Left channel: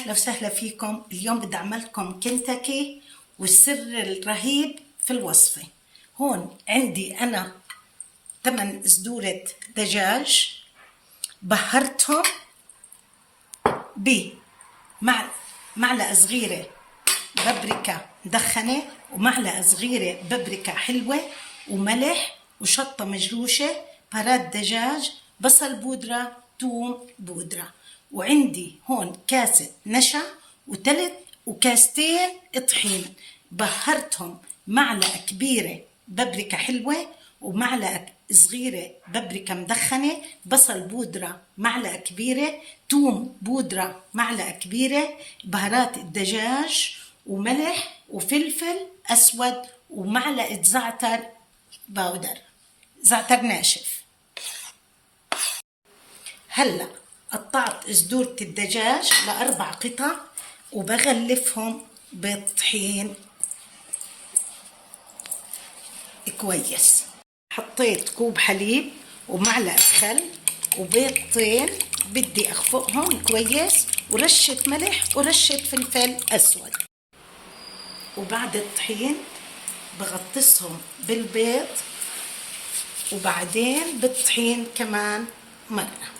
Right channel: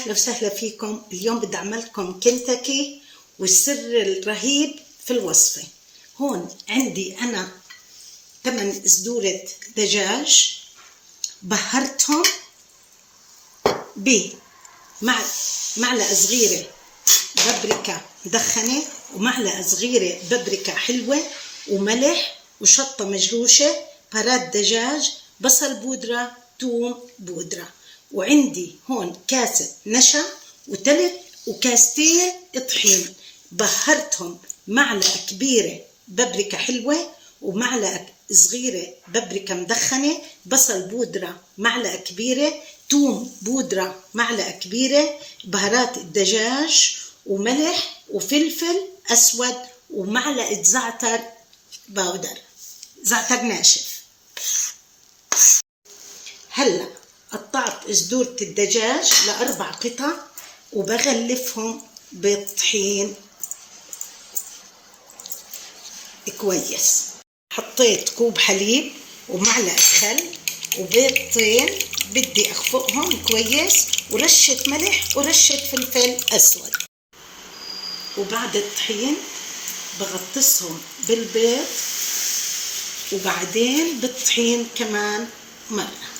أهلا وسهلا فيكم. اليوم بدي أعمل لكم كنتاكي والسر الرهيب في الوصفة. هون عندي أنا 8 صدورة دجاج بهرتهم بمعلقة صغيرة بابريكا مدخنة ومعلقة صغيرة بابريكا حلوة وملح وشطة مجروشة، بهارات دجاج، بصل بودرة، ثوم بودرة. وعندي هون كاسة نشا وثلث وكاستين طحين بهرتهم معلقة كبيرة بابريكا حلوة ومعلقة صغيرة بابريكا مدخنة، بصل بودرة معلقة كبيرة، ثوم بودرة معلقة كبيرة، بهارات الدجاج وملح وفلفل أسود ومعلقة زعتر باودر، زعتر ناشف. هلأ قطعت صدورة الدجاج ل4 قطع وبغلفهم بالطحين كويس. حطيت كوب حليب ومعلقة خل وبيضتين بدي أخفقهم كويس ورشة ملح ورشة فلفل أسود. وبعد الطحين بغطسهم بالبيض وبعدين بالطحين كمان مرة.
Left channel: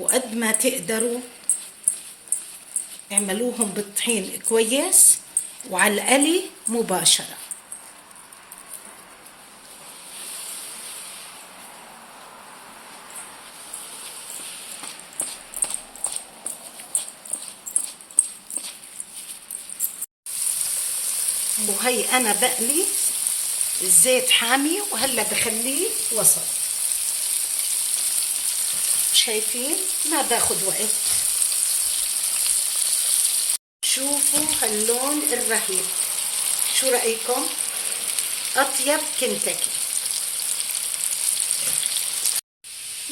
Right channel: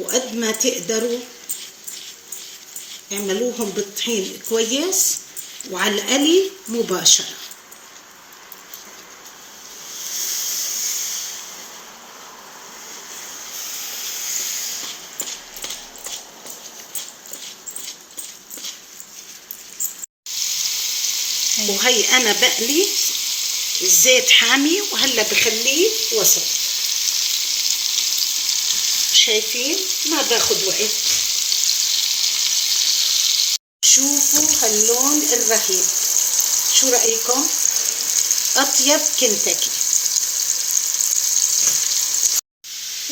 وقد ما تقدروا اعملوهم بالطحين كويس وعلى القلي مباشرة. وهي أنا بقلي الزيت حامي وهلا بخليه وسط. شايفين ما باخد وقت. شوفوا هاللون الرهيب، شو رأيكم؟ أطيب كنتاكي.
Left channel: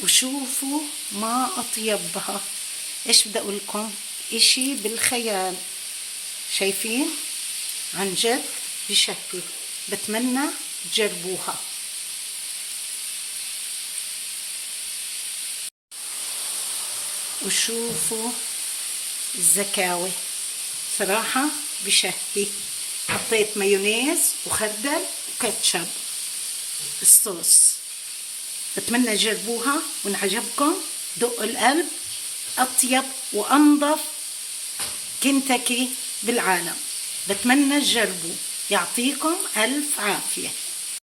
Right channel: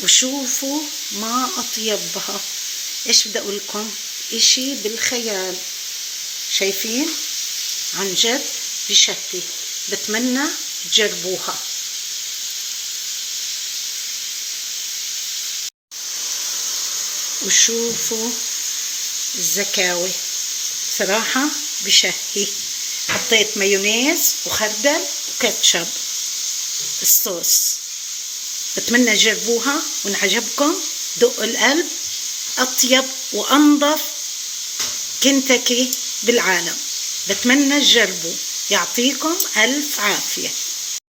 وشوفوا ما أطيبها، إيش بدي أقول لكم؟ إشي بالخيال. شايفين؟ عن جد بشهي. بتمنى تجربوها. وشوفوا الزكاوي، صراحة بشهي. حطيت مايونيز وخردل وكاتشب الصوص. بتمنى تجربوها وإن عجبكم دقوا القلب. أطيب وأنظف كنتاكي بالعالم. بتمنى تجربوا. يعطيكم ألف عافية.